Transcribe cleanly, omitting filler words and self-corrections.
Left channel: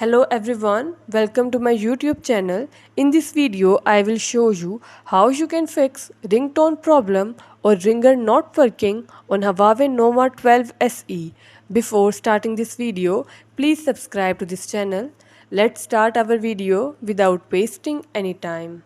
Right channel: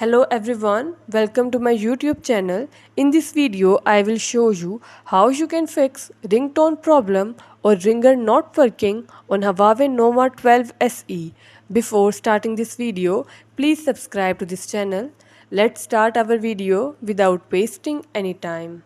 Hello everyone, welcome to my YouTube channel. In this video, I will show you how you can fix ringtone problem or ringer not working on Huawei Nova 12 SE. Before starting this video, please subscribe to this channel. Let's start our video without wasting any time.